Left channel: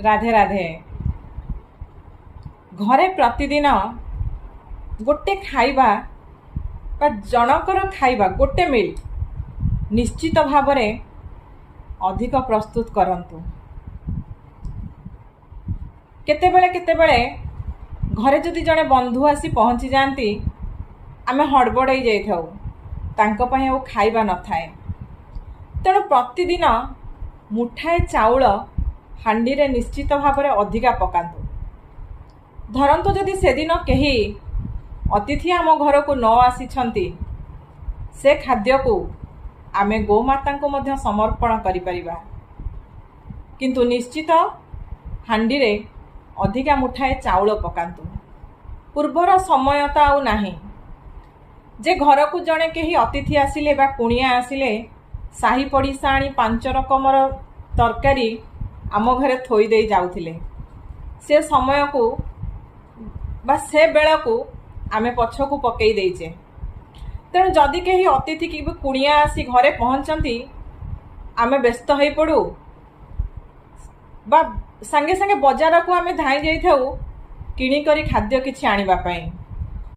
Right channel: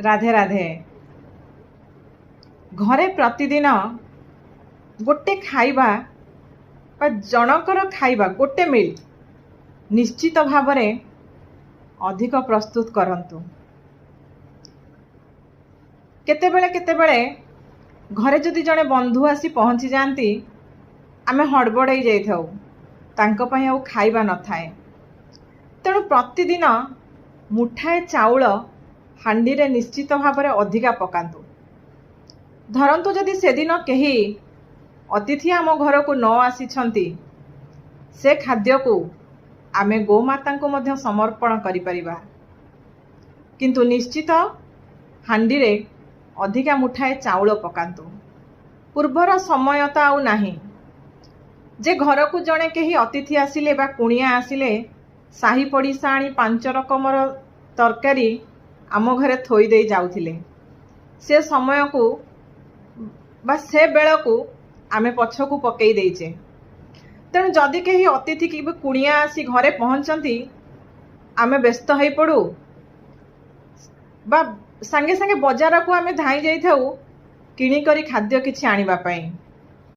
राधे राधे। घरे प्रतिदिन गोटे खाइबा बा जनकर खाइबा गोटे मिल निश्चित भाव में अधिक प्रस्तुत करंतु। केतेबेले केतेबेले घरे जदि जड़े बंधु आसी पहुँची जाती आमे हड़बड़ाई जाइथाउ, तांको पई आउ खाइबा न थाए। तेणु प्रतिदिन मुठाए चाउल हांडी रे निश्चित भाव में अधिका पकांतु। धरंतु जदि सेदिन केही अतिथि आम घर को न आसीछंती, से खाद्य को आमे गोमाता को मध्य समर्पण करि परिबा। किंतु निश्चित हांडी रे अधिका मुठाए चाउल पकांतु। पूर्वर समय तो आउ नाही जे घर को जड़े कहीं अतिथि आसिले बा कुणिया आसिले साही पड़िशा आनी 5 रकमर तरकारी आम घरे थोई दे जाउथिले। से समय को बा से बेला को आमे पछ को पकई देइचे। तेणु जदि कहीं अतिथि कि कुणिया आसी घरे पहुँचती आमे व्यस्त हो पड़ू बा संगे संगे बजार को आमे धाई जाइथाउ किणी करी खाद्य किछि आनिबा पई।